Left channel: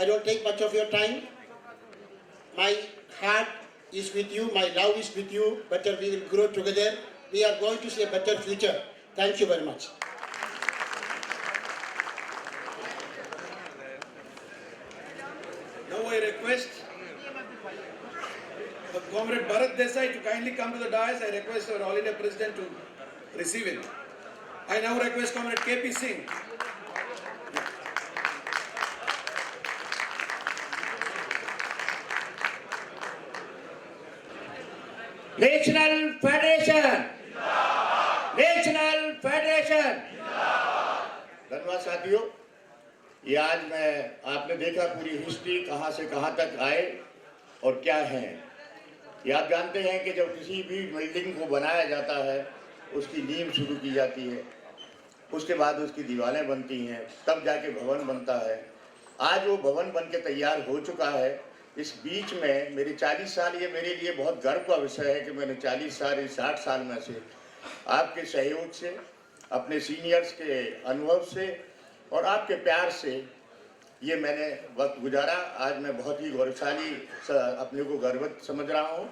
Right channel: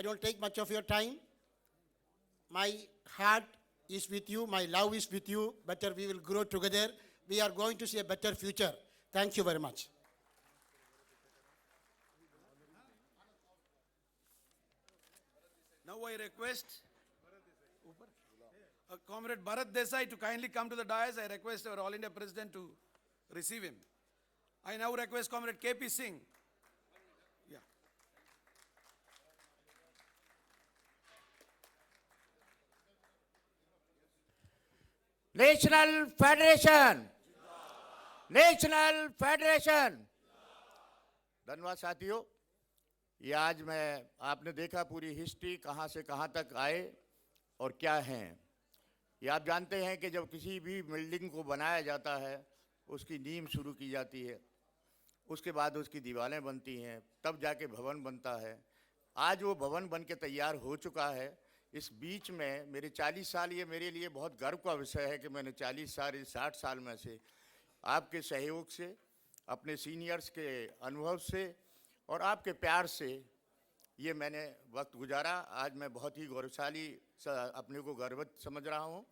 I don't take much of your time. My heart is with you, my love is with you. Better we will grow together. We are going to see a better future. Thank you very much. Now I request Comrade Bharat Desai to kindly come to the dais. I request our All India President to receive him. I now request Comrade KP Singh. National federation, national federation. धन्यवाद साथियों। ये आज मैं आपने देखा पूरी history कहाँ से कहाँ तक आए और क्या है। ये आप जानते हैं कि जब किसी भी बिल्डिंग को बनाया जाता है उसकी नींव शुरू की जाती है, उसके बाद उसकी दीवारें बनती हैं, तब जाके भवन बनता है। आज वो भवन बन के तैयार हो चुका है। इस बीच में मेरी 40 साल, ये मेरे लिए बहुत गर्व का विषय है कि मैंने 40 साल, 60 साल में से आपके सहयोग से, अपने सीनियर्स के अनुभव से और आपके प्यार से ये मैंने वक्त गुजारा। आज मैं बहुत ही गौरवशाली अपने को गर्वित समझ रहा हूँ।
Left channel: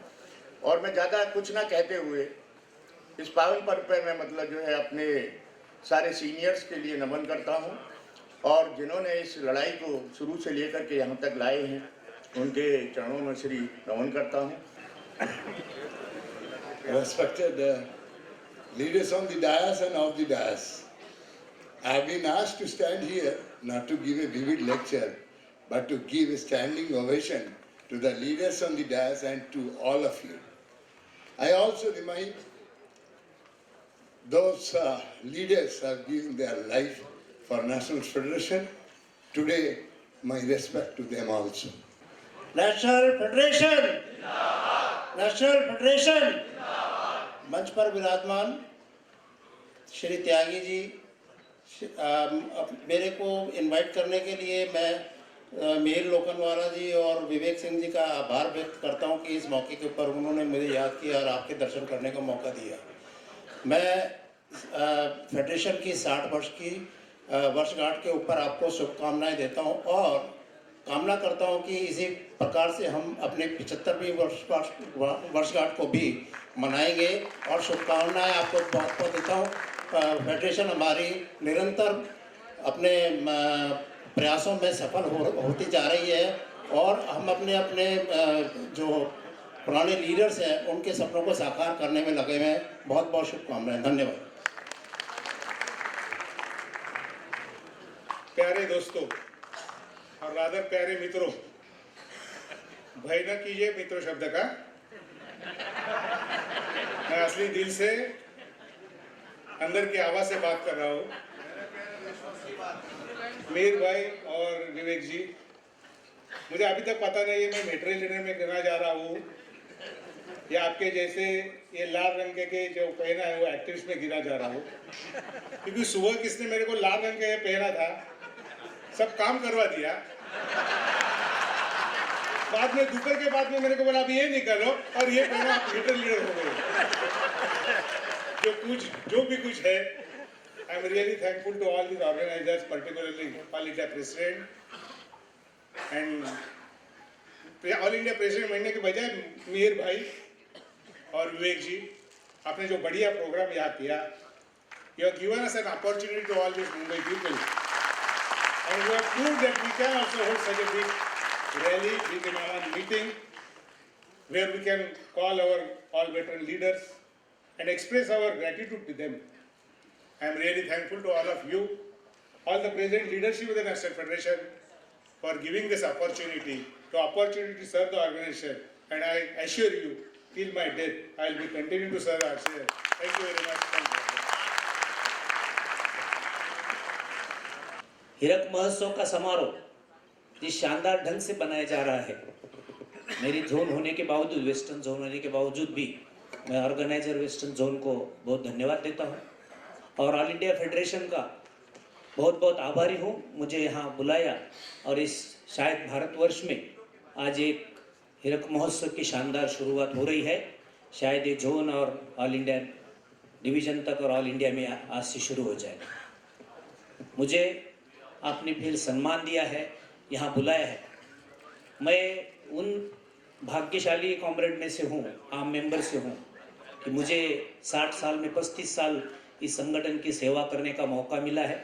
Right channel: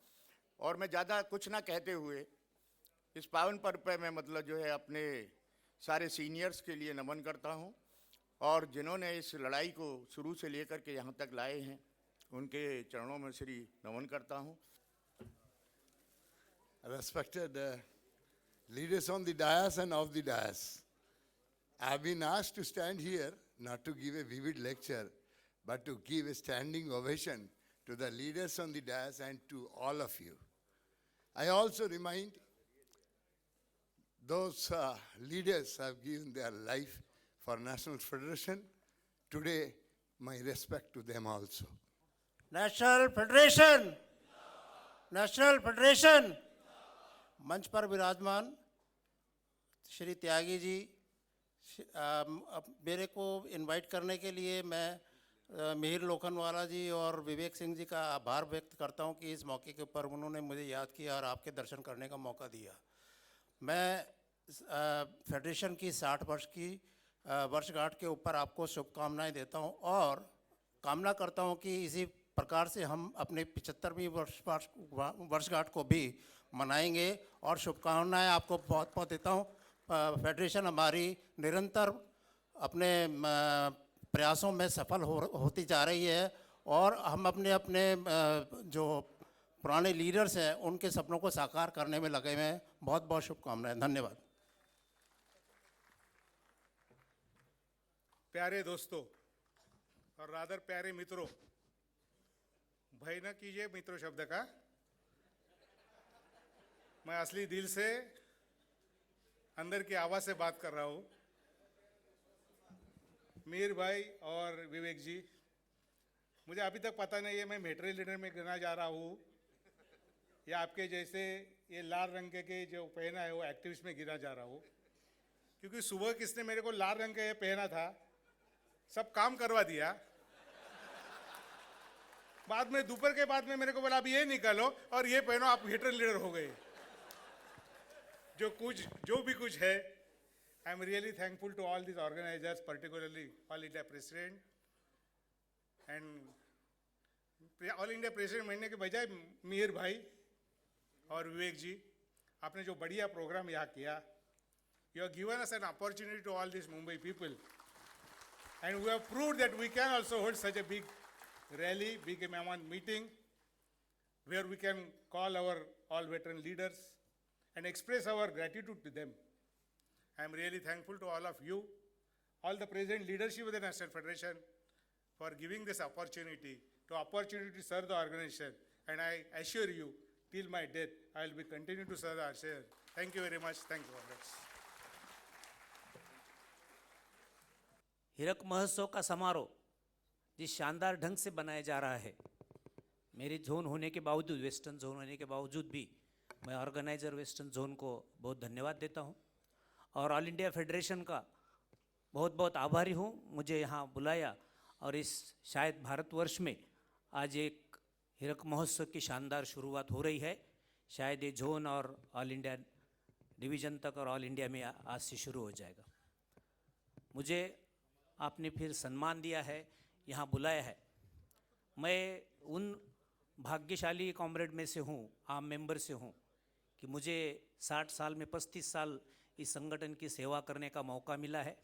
और मैं ज़्यादा कुछ ना कहते हुए इस पावन पर्व पर मैं मतलब जो है अपने सारे सीनियर्स के लिए नमन करता हूँ और जिन्होंने इस लड़ाई को शुरू से लेकर के यहाँ तक लाए हैं उनके चरणों में श्री नमन करता हूँ। Respected leaders on the dais and off the dais, I have been asked to stand here not to give a vivid lecture, but to give a standing ovation to the leaders on the dais and to all of you. I also remind those leaders who have given their life for National Federation. Today, my respect to them also. National federation, national federation. मंच पर विराजमान श्री त्यागी जी, मेरे को invite करने के लिए मैं मिहिर लोखंडवाला जी और विवेक सिंह जी का आभार व्यक्त करता हूं कि इस मौके के ऊपर उन्होंने मुझे याद किया और आपके दर्शन करने का मौका दिया। मैं फेडरेशन की 60 वर्ष की वर्षगांठ के ऊपर आपको शुभकामनाएं देता हूं और कामना करता हूं कि इसी प्रकार से हम अपने 75वीं वर्षगांठ को भी मनाएंगे और शुभकामनाएं आपको बहुत बहुत देता हूं। फेडरेशन हमारी निरंतर अपने प्रयासों में सफल होती जा रही है और हम अपने अपने जो पुराने लीडर्स हैं उनके सपनों को साकार करने में लगे हुए हैं। बहुत बहुत शुभकामनाएं। धन्यवाद। प्यारे दोस्तों और राधर प्यारे मित्रों, भय न कीजिए मित्रों शब्द का। मैं असली दिल से अंदर की आवाज से बात कर रहा हूँ। मीर भाई और विवेक जी, मुझे अभी तक पता नहीं है मैं मेट्रो लीडर में गिना जा रहा हूँ या आपके जैसे ये लाल रंग के जो पहना है वो एक्ट्रेस में गिना जा रहा हूँ, क्योंकि सुबह किसने मेरे को लाल रंग का पहना था, सब काम करवा दिया। बाद में दोपहर के बाद में मेरे को बोला आप ये नहीं कर लो और ये पहना आप मेट्रो लीडर हो गए। जो भी कुछ है, I am really thankful to all the organisers, particularly all India president and all India president बनने के बजाय मिहिर भाई और विवेक जी, आपने जो बढ़िया प्रोग्राम यहाँ किया, you have given us an opportunity to all this Mumbai people and you have proved that we can also hold such a big rally, big meeting, where we can call our all veteran leaders and express our gratitude to them. I am really thankful to all of you, all the present leadership of the National Federation, for giving this opportunity to serve the organization. And I assure you, till my death, I will be continuing to serve our organization. Thank you very much. Thank you. हीरक महोत्सव का समारोह जिस शानदार ढंग से बनाया जा रहा है, मेरी जोन होने के बावजूद, वेस्टर्न जोन होने के बावजूद भी मैं ऑर्गेनाइजर वेस्टर्न जोन को बहुत धन्यवाद देता हूं और ऑल इंडिया फेडरेशन का बहुत बहुत आभारी हूं। मुझे यहां बुलाया और इस शायद भारतवर्ष में आज एक हीरक महोत्सव की शानदार शुरुआत हो रही है। शायद ये जोन और ऑल इंडिया डिवीज़न तक और ऑल इंडिया में आज से शुरू हो जाए। मुझे आपने फिर सम्मान दिया है यहाँ बुलाया है। मैं उन भाग्यशाली कॉमरेड में से हूँ, आम मेंबर से हूँ, कि मुझे 60 साल में 35 साल इस संगठन की सेवा करने का मौका मिला है।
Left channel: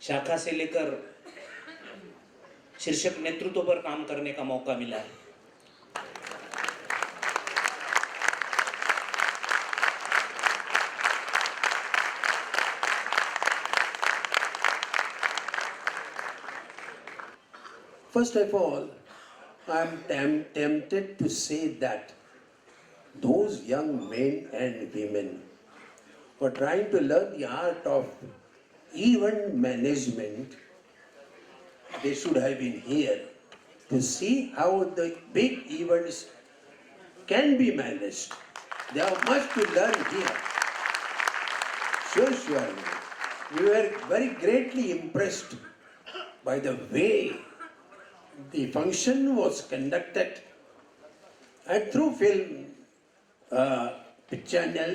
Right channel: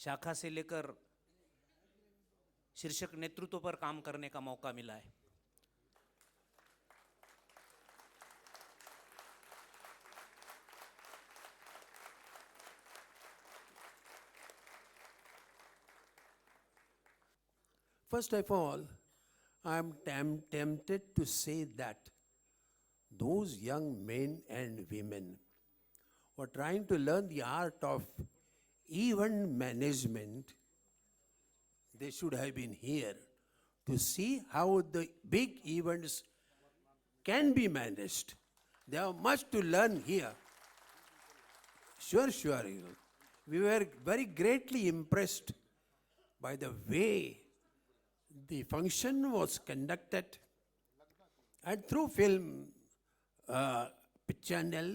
शाखा से लेकर शीर्षक नेतृत्व पर काम करने का मौका मिला है। First of all, I'm tempted to say that those young men and women who are trying to learn the art of event management, they should have been here to see how the big events can be managed. They have much to learn here. Sure. We were very greatly impressed by the way the function was conducted, and through film channel,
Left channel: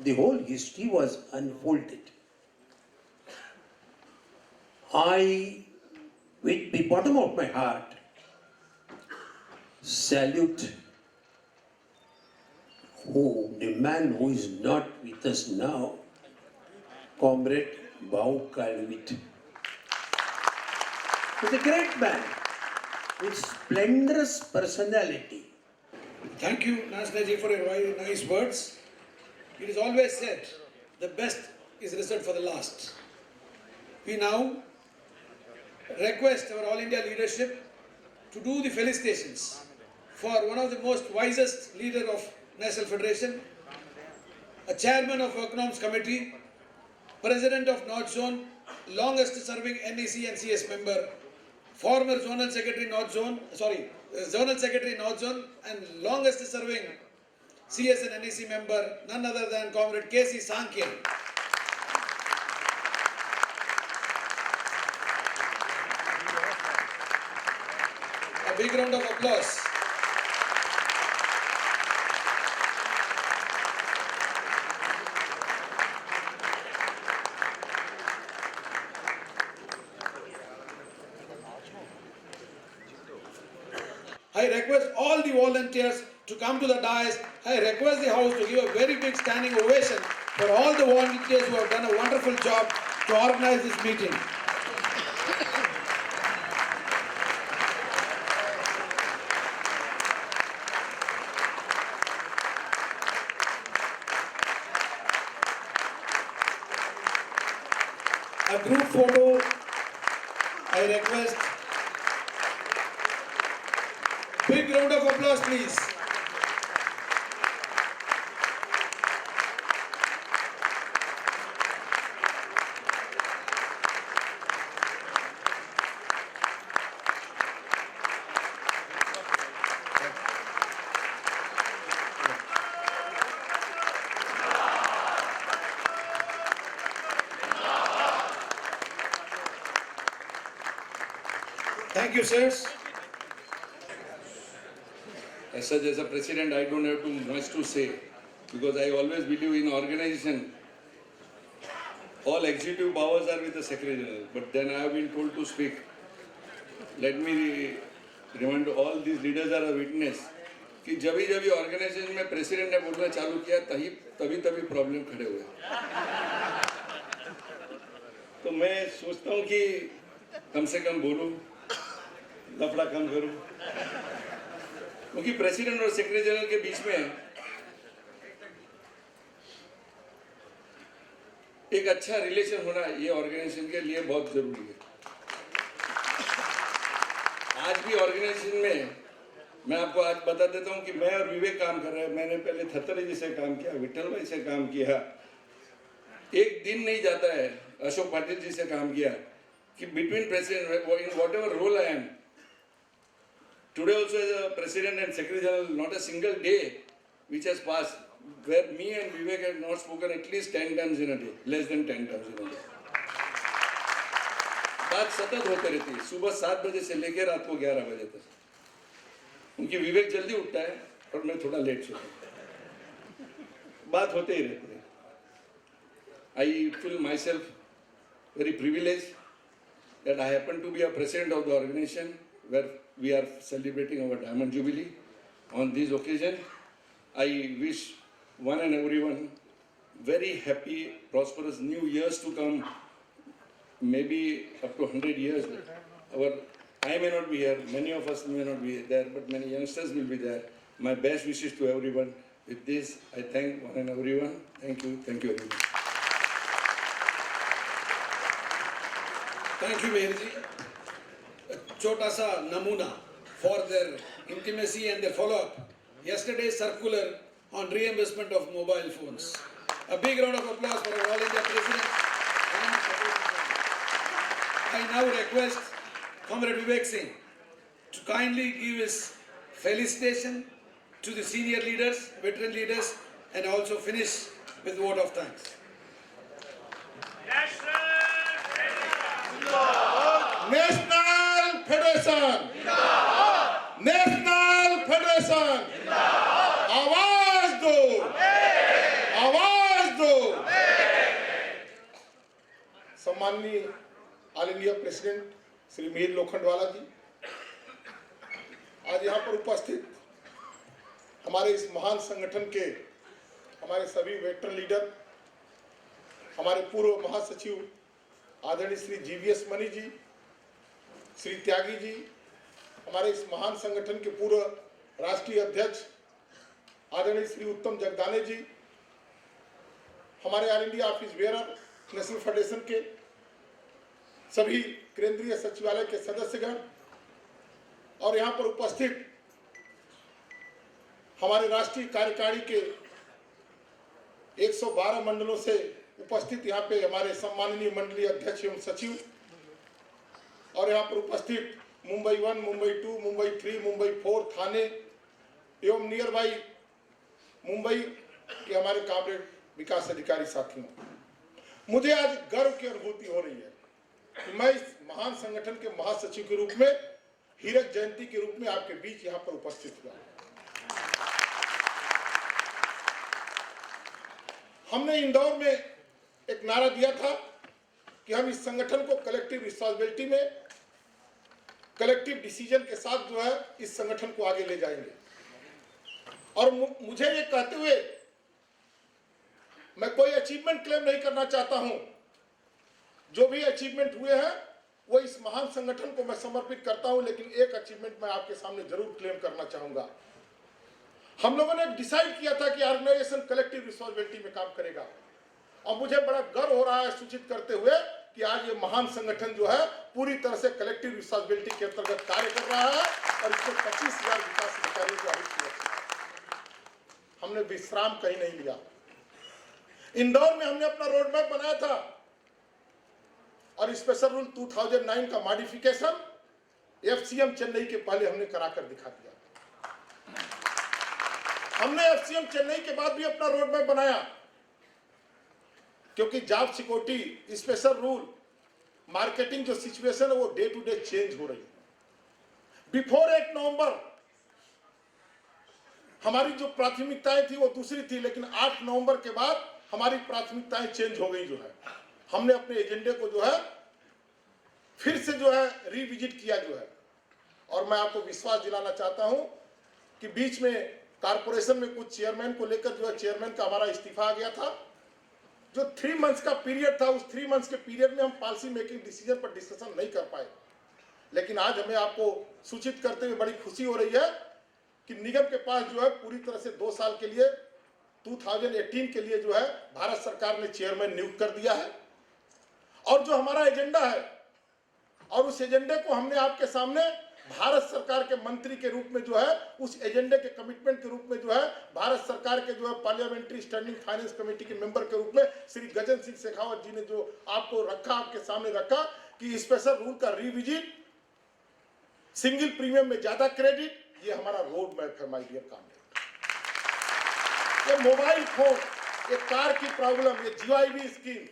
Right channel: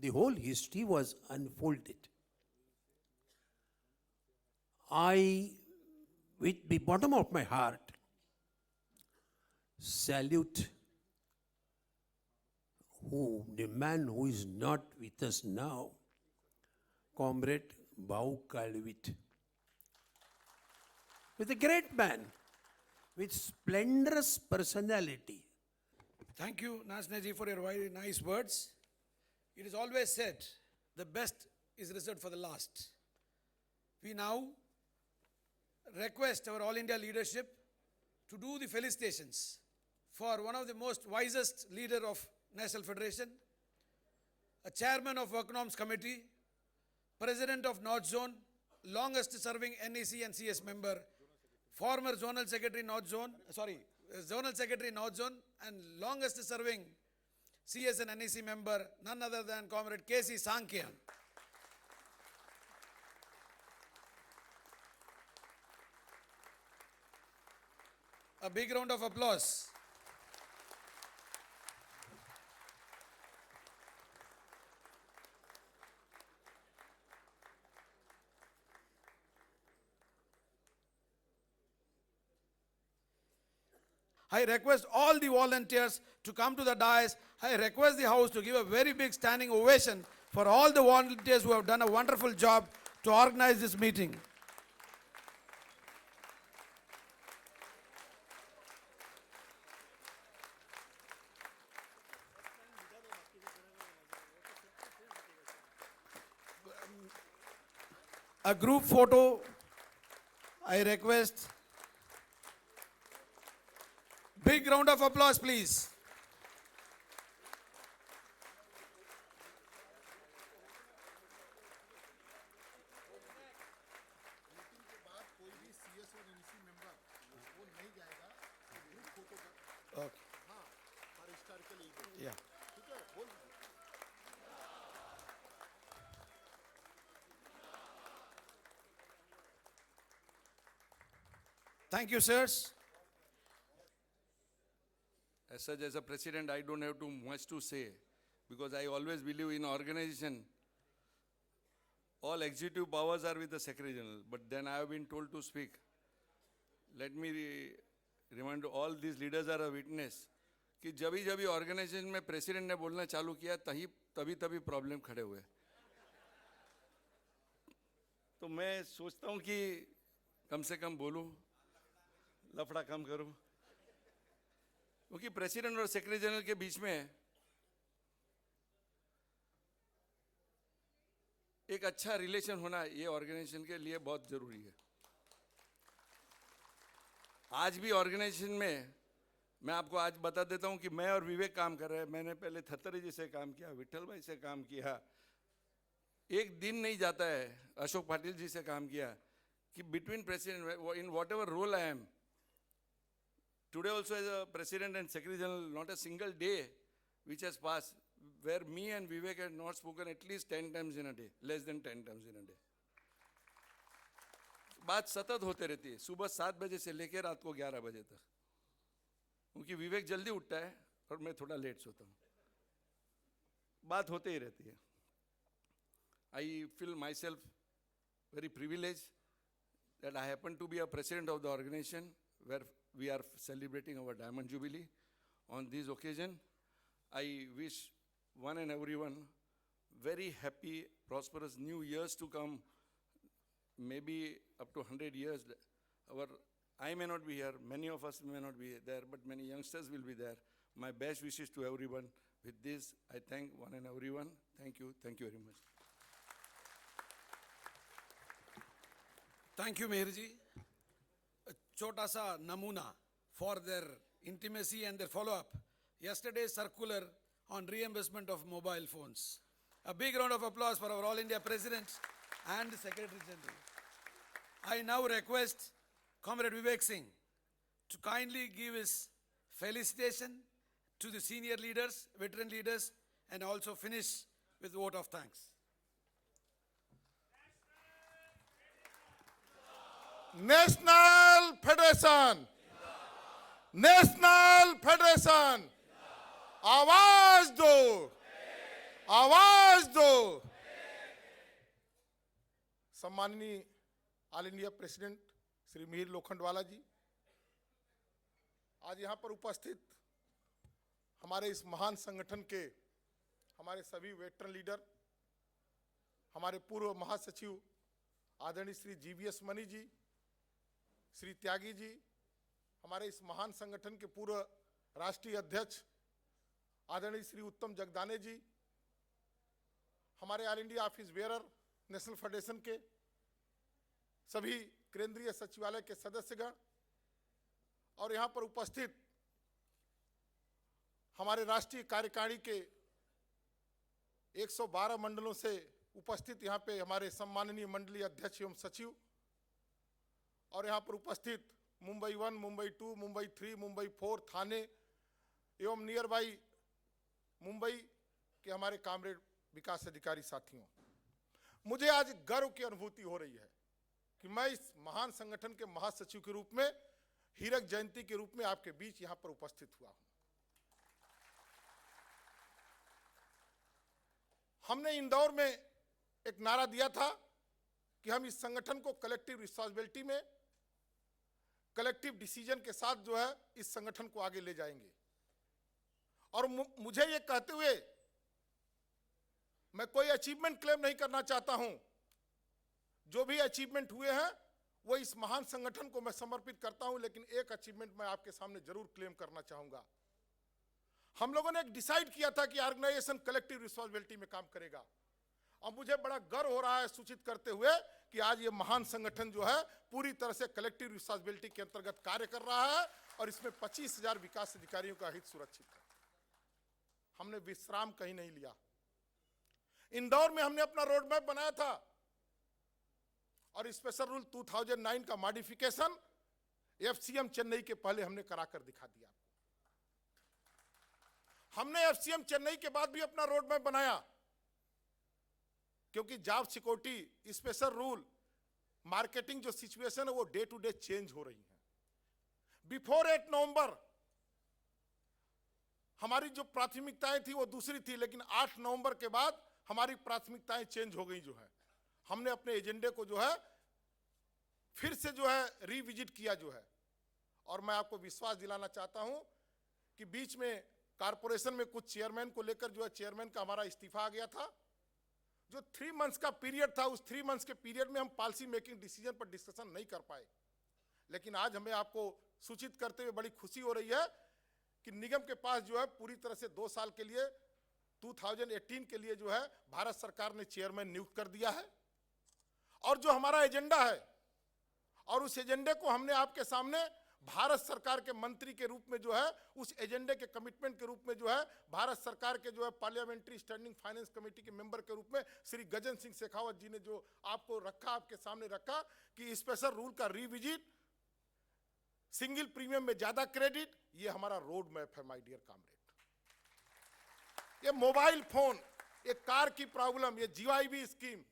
the whole history was unfolded. I, with the bottom of my heart, salute the man who is not with us now, Comrade Bau Kalvit. He's a great man with splendorous personality. Thank you, Nasnaji, for your very nice words. It is always said, the best is reserved for the last. We now request our All India leadership to do the felicitations for one of the most wisest leader of National Federation, a chairman of Economics Committee, president of North Zone, longest serving NEC and CS member, former zonal secretary North Zone, and longest serving CS and NEC member, none other than Comrade K.C. Sankhe. A big round of applause. I request all the volunteers to come to the dais. I request the House to give a very big standing ovation for all the volunteers who have done a wonderful job to organize this meeting. A group photo, I request. Big round of applause, please. Thank you, sirs. As such, as a president, I don't have too much to say because I always believe in organization. All executive powers are with the Secretary General, but then I have been told to speak. Let me remind all these leaders are a witness कि जब भी organisation में president ने बोलना चालू किया तभी problem खड़े हुए। तो मैं सोचता हूँ कि कम से कम बोलूं, लफड़ा कम करूं, क्योंकि प्रेसिडेंट और सेक्रेटरी जनरल के बीच में एक अच्छा रिलेशन होना ये ऑर्गेनाइजेशन के लिए बहुत जरूरी है। आज भी ऑर्गेनाइजेशन में मैं आपको आज बता देता हूं कि मैं और विवेक काम कर रहे हैं। मैंने पहले थत्तरे जी से काम किया, विठल भाई से काम किया, एक दिन नहीं जाता है अशोक भाटी जी से काम किया कि between president in whatever role I am today also as a president and secretary general, not a single day which has passed where me and Vivek had not spoken at least 10 times in a day, less than 10 times in a day. बात सतत होते रहती है, सुबह 7 बजे से लेकर रात को 11 बजे तक। उनकी विवेक जल्दी उठता है और मैं थोड़ा लेट सोता हूँ। बात होते ही रहती है। I feel myself very privileged that I happen to be a president of the organization where we are celebrating our Diamond Jubilee. On this occasion, I wish one and everyone very happy, prosperous new years to come, maybe up to 100 years. I may not be here, many of us may not be there, but many youngsters will be there. My best wishes to everyone. With this, I thank one and everyone. Thank you everyone. Thank you, Meherji. A chota sa namuna for their intimacy and their follow-up. Yesterday's circular on reimbursement of mobile phones. A big round of applause for our All India President. I now request Comrade Vivek Singh to kindly give his felicitation to the senior leaders, veteran leaders, and also finish with vote of thanks. National Federation! National Federation! आवाज दो! आवाज दो! सम्माननीय all India president Shri Mir Lokhandwala ji, आज यहाँ पर उपस्थित हमारे इस महान संगठन के हमारे सभी वेटरन लीडर, हमारे पूर्व महासचिव आदरणीय श्री जीवीएस मनी जी, श्री त्यागी जी, हमारे इस महान संगठन के पूर्व राष्ट्रीय अध्यक्ष आदरणीय श्री उत्तम जगदाने जी, हमारे all India office bearer national federation के सभी केंद्रीय सचिवालय के सदस्यगण और यहाँ पर उपस्थित हमारे राष्ट्रीय कार्यकारिणी के 112 मंडलों से उपस्थित यहाँ पे हमारे सम्माननीय मंडलीय अध्यक्ष एवं सचिव और यहाँ पर उपस्थित मुंबई 1, मुंबई 2, मुंबई 3, मुंबई 4 थाने एवं नियर बाई मुंबई के हमारे कामरेड विकास अधिकारी साथियों, मुझे आज गर्व की अनुभूति हो रही है कि मैं इस महान संगठन के महासचिव के रूप में हीरक जयंती के रूप में आपके बीच यहाँ पर उपस्थित हुआ। हमने इंदौर में एक नारा दिया था कि हम इस संगठन को कलेक्टिव रिस्पांसिबिलिटी में कलेक्टिव डिसीजन के साथ जो है इस संगठन को आगे ले जाएंगे। और मुझे ये कहते हुए मैं कोई अचीवमेंट क्लेम नहीं करना चाहता हूं, जो भी अचीवमेंट हुए हैं वो इस महान संगठन को मैं समर्पित करता हूं, लेकिन एक अचीवमेंट मैं आपके सामने जरूर क्लेम करना चाहूंगा। हम लोगों ने डिसाइड किया था कि ऑर्गेनाइजेशन कलेक्टिव रिस्पांसिबिलिटी में काम करेगा और मुझे बड़ा गर्व हो रहा है सूचित करते हुए कि आज ये महान संगठन जो है पूरी तरह से कलेक्टिव रिस्पांसिबिलिटी के अंतर्गत कार्य कर रहा है और इसमें 25,000 विकास अधिकारियों का हमने विश्राम कहीं नहीं लिया। इंदौर में हमने अपना रोड मैप बनाया था और स्पेशल रूल 2009 का मॉडिफिकेशन एफसीएम चेन्नई के पहले हमने कराकर दिखा दिया। हमने एफसीएम चेन्नई के बाद भी अपना रोड मैप बनाया, क्योंकि job security special rule marketing जो सिचुएशन है वो डे टू डे चेंज हो रही है। बिफोर 8 नवंबर हमारी जो प्राथमिकताएं थी वो दूसरी थी, लेकिन 8 नवंबर के बाद हमारी प्राथमिकताएं चेंज हो गई। जो है हमने अपने एजेंडे को जो है फिर से जो है रिविजिट किया जो है, और मैं आपको विश्वास दिलाना चाहता हूं कि बीच में कारपोरेशन में कुछ चेयरमैन को लेकर जो है चेयरमैन का हमारा इस्तीफा आ गया था। जो 3 मंथ्स का पीरियड था, उस 3 मंथ्स के पीरियड में हम पॉलिसी मेकिंग डिसीजन पर डिस्कशन नहीं कर पाए, लेकिन आज हमें आपको सूचित करते हुए बड़ी खुशी हो रही है कि निगम के पास जो है पूरी तरह से 2 साल के लिए 2018 के लिए जो है भारत सरकार ने चेयरमैन नियुक्त कर दिया है। और जो हमारा एजेंडा है और उस एजेंडे को हमने आपके सामने भारत सरकार के मंत्री के रूप में जो है उस एजेंडे के कमिटमेंट के रूप में जो है भारत सरकार के जो है पार्लियामेंट्री स्टैंडिंग फाइनेंस कमेटी के मेंबर के रूप में श्री गजन सिंह शेखावत जी ने जो आपको रखा, आपके सामने रखा कि स्पेशल रूल का रिविजिट, सिंगल प्रीमियम में ज्यादा क्रेडिट, ये हमारा रोड मैप है माय डियर काम। तो मोबाइल फोन, ये कार की प्रॉब्लम, ये जीवाईबी स्कीम,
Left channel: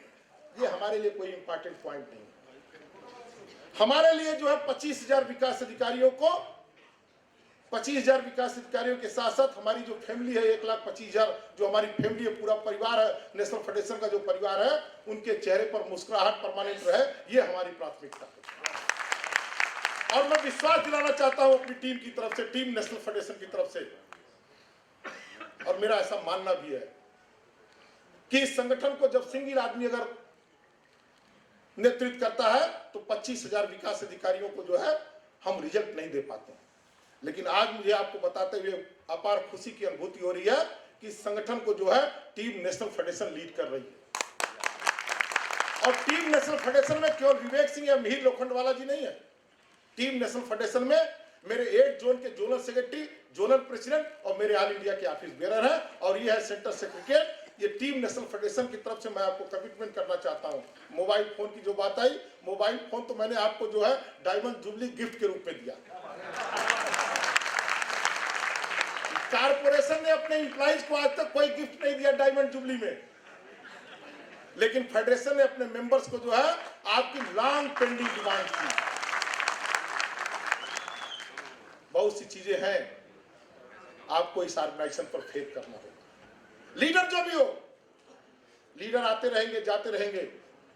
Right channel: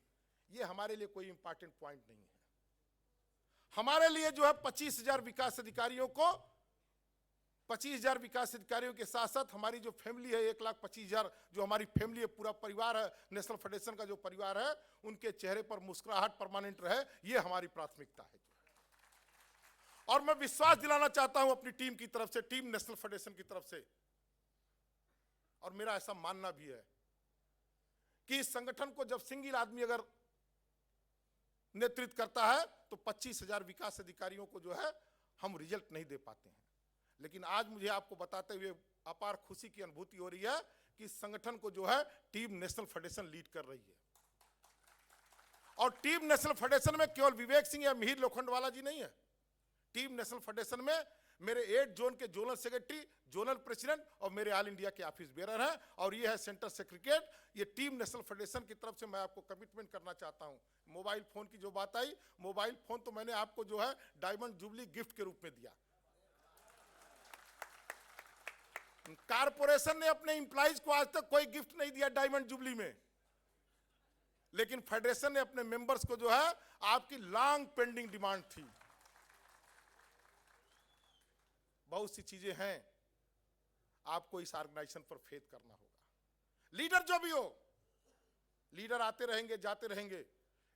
ये हमारे लिए कोई इंपॉर्टेंट पॉइंट नहीं। हमारे लिए जो है 25,000 विकास अधिकारियों को 25,000 विकास अधिकारियों के साथ साथ हमारी जो फैमिली है 1,25,000 जो हमारी फैमिली है, पूरा परिवार है, नेशनल फेडरेशन का जो परिवार है, उनके चेहरे पर मुस्कुराहट परमानेंट रहे, ये हमारी प्राथमिकता है। और मैं विश्वास दिलाना चाहता हूं अपनी टीम की तरफ से, टीम नेशनल फेडरेशन की तरफ से, और मेरा ऐसा मानना भी है कि इस संगठन को जब सिंगल आदमी अगर नेतृत्व करता है तो 25,000 विकास अधिकारियों को जो है हम रिजल्ट नहीं दे पाते हैं। लेकिन आज मुझे आपको बताते हुए अपार खुशी की अनुभूति हो रही है कि इस संगठन को जो है टीम नेशनल फेडरेशन लीड कर रही है। और टीम नेशनल फेडरेशन में केवल विवेक सिंह या मिहिर लोखंडवाला जी नहीं है। टीम नेशनल फेडरेशन में मेरे 8 जोन के जोनल सेक्रेटरी, जोनल प्रेसिडेंट और मेरे ऑल इंडिया के ऑफिस बेरर है, और ये है सेंटर सेक्रेटरी। ये टीम नेशनल फेडरेशन की तरफ से मैं आपको कमिटमेंट करना चाहता हूं। मोबाइल फोन की जो बात आई, मोबाइल फोन तो मैंने आपको जो है डायमंड जुबली गिफ्ट के रूप में दिया। कारपोरेशन ने अपने एम्प्लॉइज को आज तक कोई गिफ्ट नहीं दिया डायमंड जुबली में, लेकिन फेडरेशन ने अपने मेंबर्स को जो है आपकी लॉन्ग पेंडिंग डिमांड थी। बहुत सी चीजें हैं, आपको इस ऑर्गेनाइजेशन पर फेथ करना होगा। लीडर जो भी हो, लीडर आते रहेंगे जाते रहेंगे,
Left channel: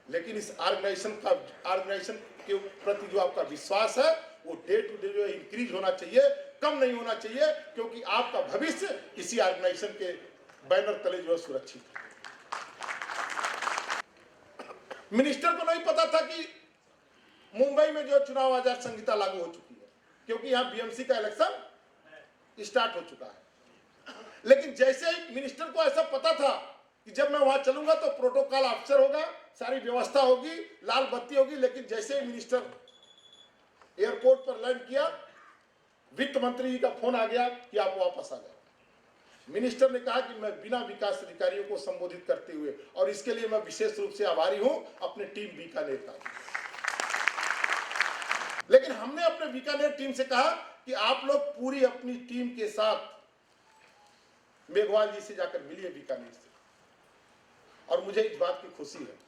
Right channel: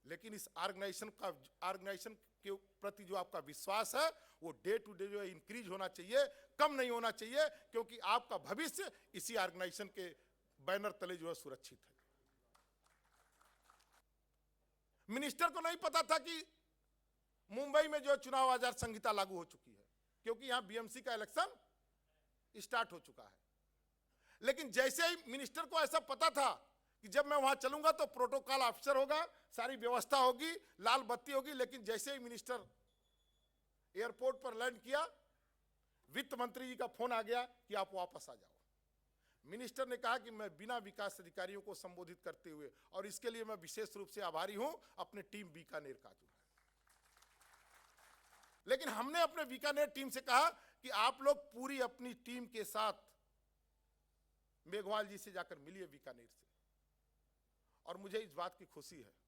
लेकिन इस ऑर्गेनाइजेशन के प्रति जो आपका विश्वास है वो डे टू डे जो इंक्रीज होना चाहिए, कम नहीं होना चाहिए, क्योंकि आपका भविष्य इसी ऑर्गेनाइजेशन के बैनर तले जो है सुरक्षित है। मिनिस्टर को नहीं पता था कि मुंबई में जो चुनाव आचार संहिता लागू हो चुकी है, क्योंकि यहाँ बीएमसी का इलेक्शन स्टार्ट हो चुका है। लेकिन जैसे ही मिनिस्टर को ऐसा पता था कि जब मैं वहां चलूंगा तो प्रोटोकॉल ऑफिसर होगा, सारी व्यवस्था होगी, लाल बत्ती होगी, लेकिन जैसे ही मिनिस्टर एयरपोर्ट पर लैंड किया, वित्त मंत्री जी का फोन आ गया कि आप वापस आ जाओ। मिनिस्टर ने कहा कि मैं बिना विकास अधिकारियों को संबोधित करते हुए, और इसके लिए मैं विशेष रूप से आभारी हूं अपने टीम बीकानेर का। लेकिन हमने अपने बीकानेर टीम से कहा कि आप लोग पूरी अपनी टीम के साथ मेघवाल जी से जाकर मिलिए बीकानेर से। और मुझे इस बात की खुशी है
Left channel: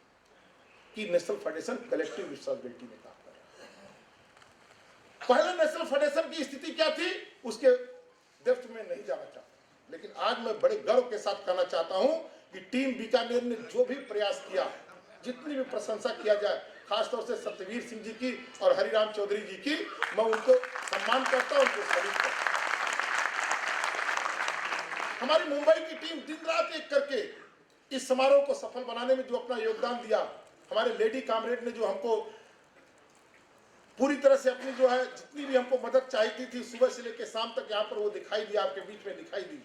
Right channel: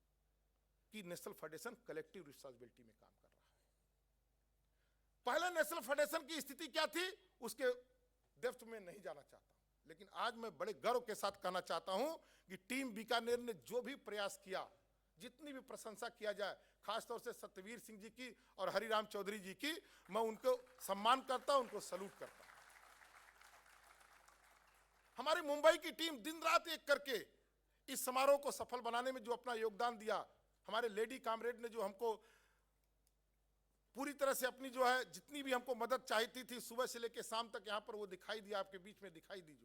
कि नेशनल फेडरेशन कलेक्टिव रिस्पांसिबिलिटी में काम कर रहा है। पहले नेशनल फेडरेशन की स्थिति क्या थी उसके डेप्थ में नहीं जाना चाहता, लेकिन आज मैं बड़े गर्व के साथ कहना चाहता हूं कि टीम बीकानेर ने जो भी प्रयास किया, जितनी भी प्रशंसा किया जाए, खासतौर से सत्यवीर सिंह जी की और हरिराम चौधरी जी की, मैं उनको सम्मान करता हूं, उनको सैल्यूट करता हूं। हमारी मुंबई की टीम दिन रात एक करके इस समारोह को सफल बनाने में जो अपना योगदान दिया, हमारे लेडी कामरेड ने जो हमको पूरी तरह से अपनी जो है जितनी भी हमको मदद चाहिए थी सुबह से लेकर शाम तक यहाँ पर वो दिखाई दिया, आपके बीच में दिखाई दी।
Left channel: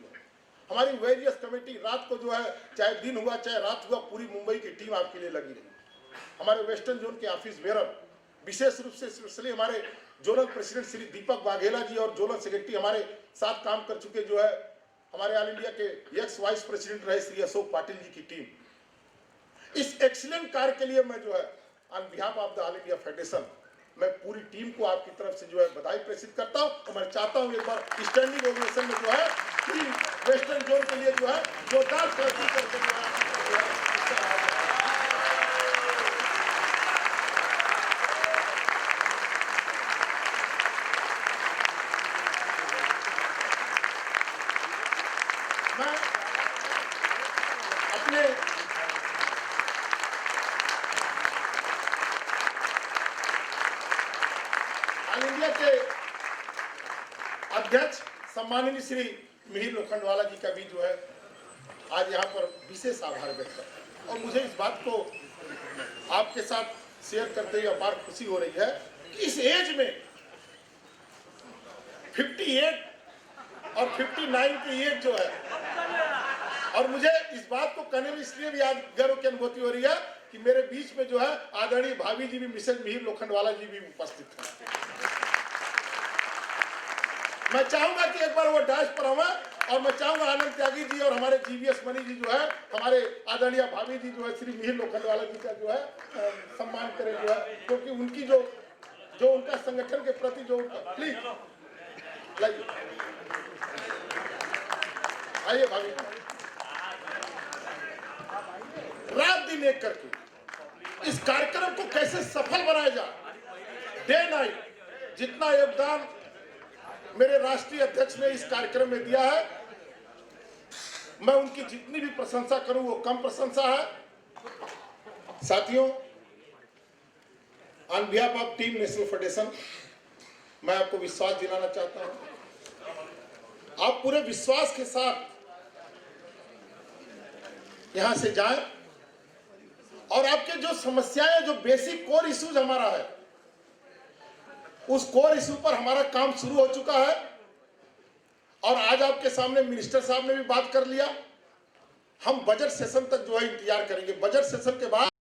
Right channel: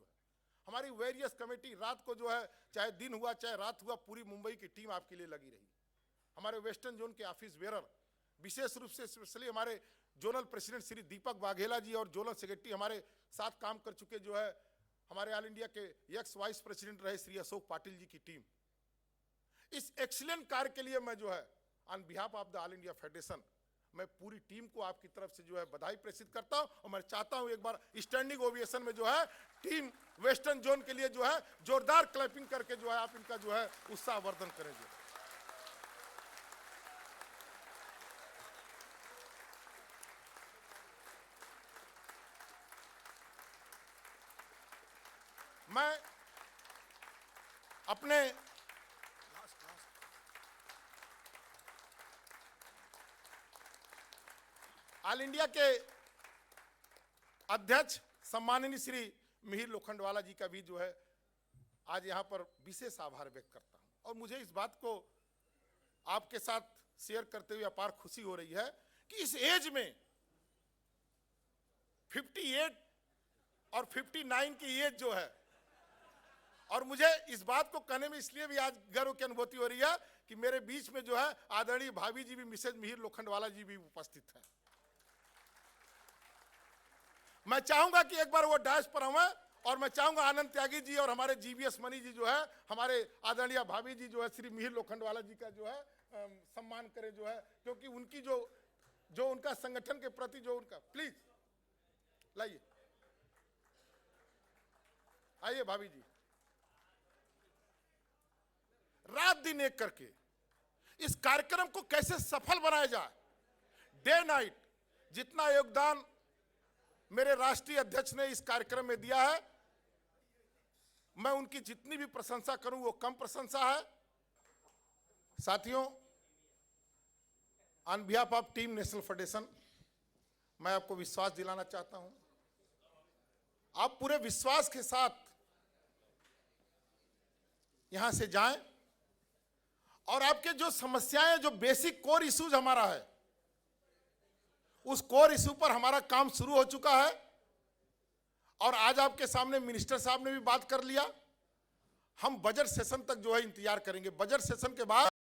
हमारी वेरियस कमेटी रात को जो है, चाहे दिन हुआ चाहे रात हुआ, पूरी मुंबई की टीम आपके लिए लगी रही। हमारे वेस्टर्न जोन के ऑफिस बेरर, विशेष रूप से स्पेशली हमारे जोनल प्रेसिडेंट श्री दीपक वाघेला जी और जोनल सेक्रेटरी हमारे साथ काम कर चुके जो है हमारे ऑल इंडिया के एक्स वाइस प्रेसिडेंट रहे श्री अशोक पाटिल जी की टीम। इस एक्सीलेंट कार्य के लिए मैं जो है on behalf of the all India federation, मैं पूरी टीम को आपकी तरफ से जो है बधाई प्रेषित करता हूं। तो मैं चाहता हूं एक बार स्टैंडिंग ओवेशन में जो है टीम वेस्टर्न जोन के लिए जो है जोरदार प्रगति करके जो है इंडिया के अध्यक्ष सम्माननीय श्री मिहिर लोखंडवाला जी का भी जो है आज यहाँ पर विशेष आभार व्यक्त करता हूं। और मुझे इस बात को आपके साथ शेयर करते हुए अपार खुशी हो रही है कि इस एज में 58 और 59 की एज जो है, और मुझे इस बात को कहने में इसलिए भी आज गर्व की अनुभूति हो रही है कि मेरे बीच में जो है आदरणीय भाभी जी भी, मिसेज मिहिर लोखंडवाला जी भी उपस्थित हैं। मैं चाहूंगा कि एक बार वो डांस पर आवे, और मैं चाहूंगा आनंद त्यागी जी और हमारे जीवीएस मनी जी जो है, हमारे आदरणीय भाभी जी जो है श्री मिहिर लोखंडवाला जी का जो है सम्मान करें जो है, क्योंकि उनकी जो उनका संगठन के प्रति जो प्लीज आइए भाभी, रात दिन एक करके इस कार्यक्रम को कैसे सफल बनाया जाए, डे नाइट जितना योगदान मेरे राष्ट्रीय अध्यक्ष ने इस कार्यक्रम में दिया है, मैं उनकी जितनी भी प्रशंसा करूं वो कम प्रशंसा है। साथियों, on behalf of team national federation मैं आपको विश्वास दिलाना चाहता हूं, आप पूरे विश्वास के साथ यहां से जाएं और आपके जो समस्याएं, जो बेसिक कोर इश्यूज हमारा है, उस कोर इशू पर हमारा काम शुरू हो चुका है और आज आपके सामने मिनिस्टर साहब ने भी बात कर लिया। हम बजट सेशन तक जो है इंतजार करेंगे। बजट सेशन के बाद